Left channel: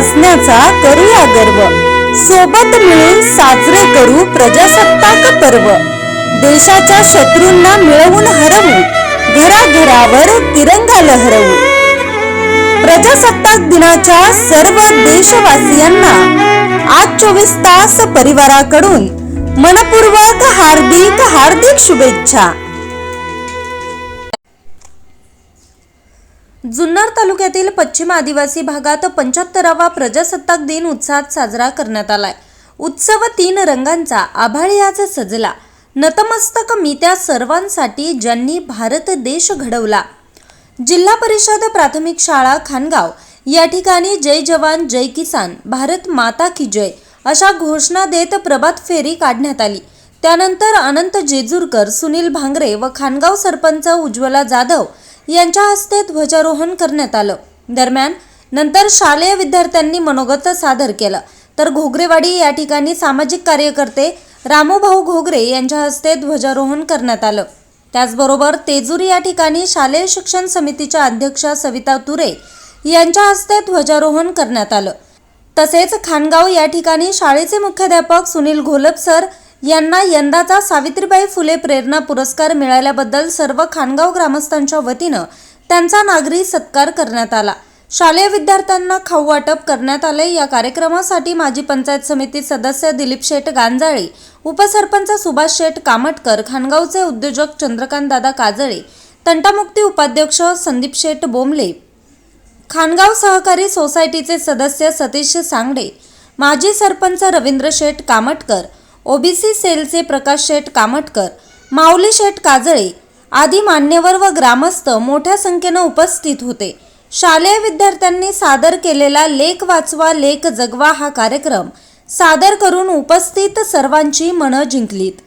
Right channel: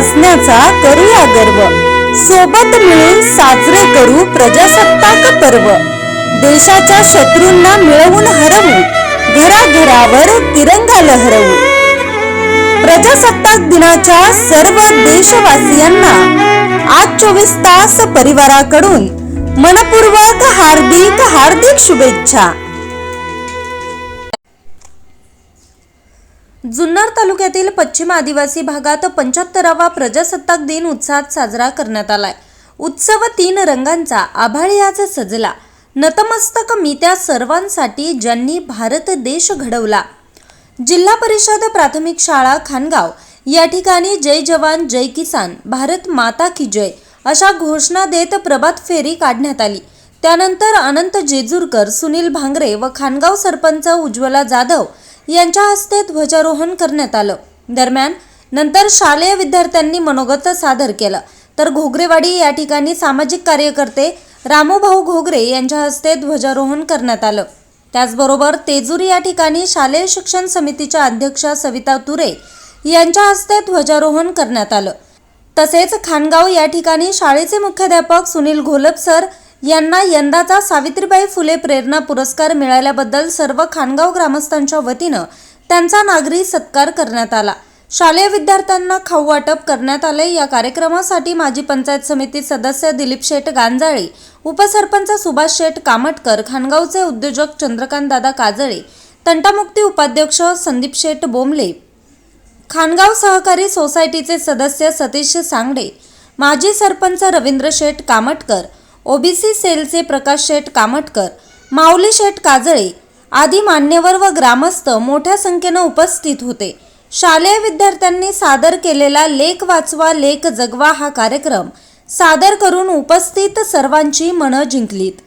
असण्याचा करूया गर्व. सोबत मिळून साजरे करू प्रजासत्ताक पर्व. देशाच्या शत्रूंना मिळवून हरवू घराघरावर तिरंगा लहरवू. प्रजासत्ताक दिनाच्या सर्व देशवासियांना आज चोवीस तास परिवाराकडून मनपूर्वक हार्दिक हार्दिक शुभेच्छा. जुन्नर तालुक्यातील पश्चिम आदिवासी भागात पंच्याहत्तरावा प्रजासत्ताक दिन उत्साहात साजरा करण्यात आलाय. उत्सव तीन रंगांचा आभाळी आज सजला. नतमस्तक मी त्या सर्वांसाठी ज्यांनी भारत देश घडवला. जिल्हा परिषद प्राथमिक शाळा खानगाव. या ठिकाणी जय जवान जय किसान भारत माता की जय अशा घोषणा देत प्रभात फेरी काढण्यात आली. त्यानंतर अनंत जेजूरकर सुनील भांगरे व खानगाव सरपंच उज्ज्वला जाधव यांच्या हस्ते ध्वजारोहण करण्यात आलं. दरम्यान नंतर शालेय विद्यार्थ्यांनी मनोगत सादर केलं. तर घोगरेवाडी या ठिकाणी सामाजिक कार्यकर्ते रामोभाऊ घोगरे यांच्या हस्ते ध्वजारोहण करण्यात आलं. त्याचबरोबर तेजूर या ठिकाणी शालेय शिक्षण समितीच्या अध्यक्षा सविता तुरे यांच्या हस्ते ध्वजारोहण करण्यात आलं. तसेच खानगाव या ठिकाणी शाळेचे मुख्याध्यापक सुनील घोलप सर यांना यंदाचा सावित्रीबाई फुले प्रेरणा पुरस्कार मिळाल्याबद्दल सर्व खानगाव ग्रामस्थांच्या वतीनं त्यांचा नागरी सत्कार करण्यात आला. शालेय विद्यार्थ्यांना खाऊ वाटप करण्यात आले या कार्यक्रमासाठी माजी पंचायत समिती सदस्य दिलीप शेठ गांजाळे उपसरपंच सुभाष शेठ कामटकर खानगावचे उद्योजक चंद्रकांत दादा काजळे तंटामुक्ती उपाध्यक्ष संदीप शेठ बोंबले खानगाव सहकारी सोसायटीचे सदस्य सतीश सांगडे माजी सरपंच रवींद्र शेठ कामटकर ओबीसी सेलचे प्रकाश शेठ कामटकर माऊली शेठ काजळे आदी मान्यवर व ग्रामस्थ मोठ्या संख्येनं उपस्थित होते शालेय विद्यार्थ्यांनी सादर केलेला लेख वाचवा लेख जगवा हा कार्यक्रम सादर करून उपस्थित सर्वांची मनं जिंकलीत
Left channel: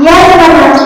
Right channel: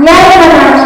Yeah, yeah, yeah.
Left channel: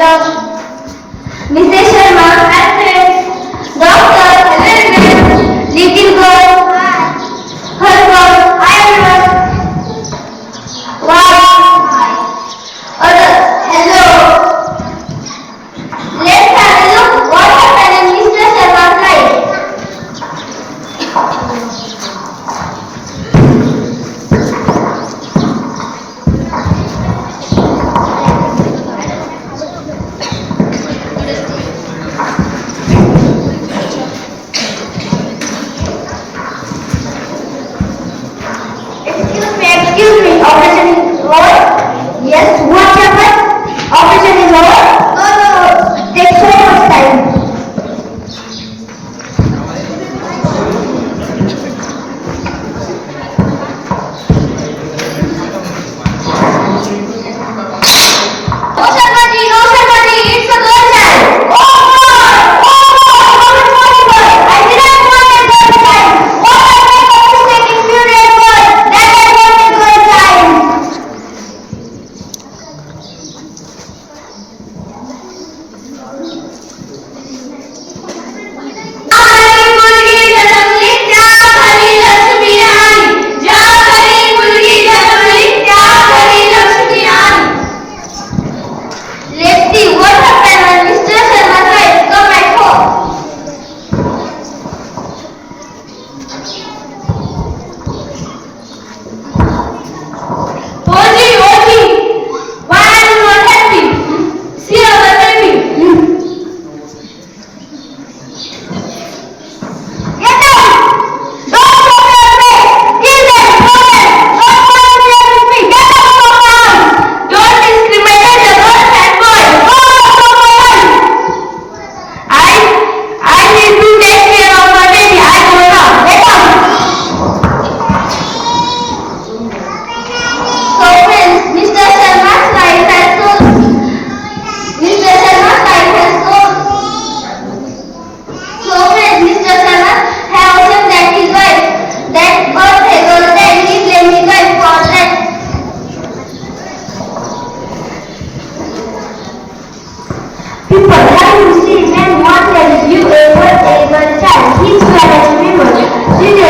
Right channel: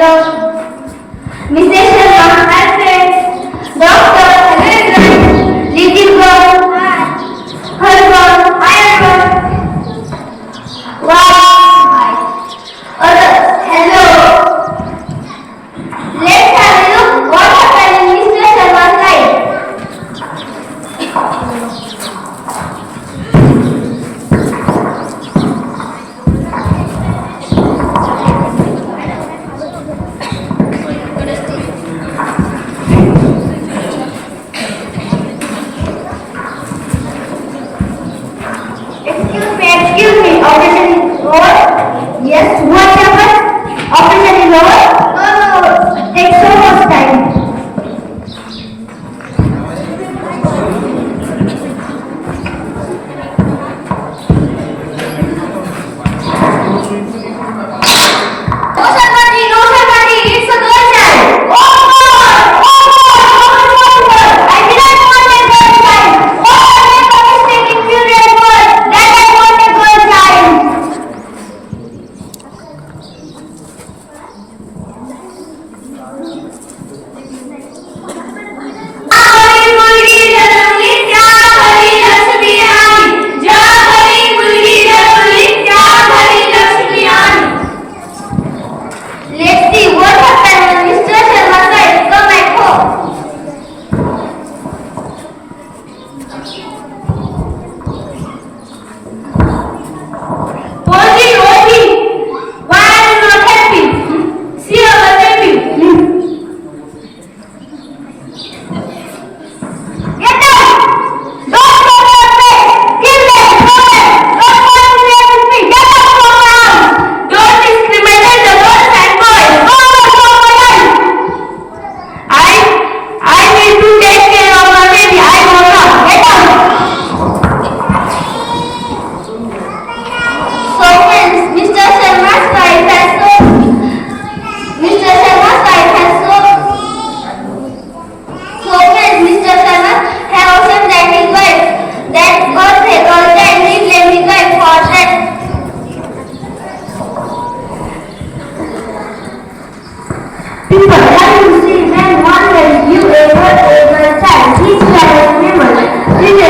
Carlos Yes, what happened? Operation is over. People, when you see men wonders, you ever ever tell. Teach parents memory.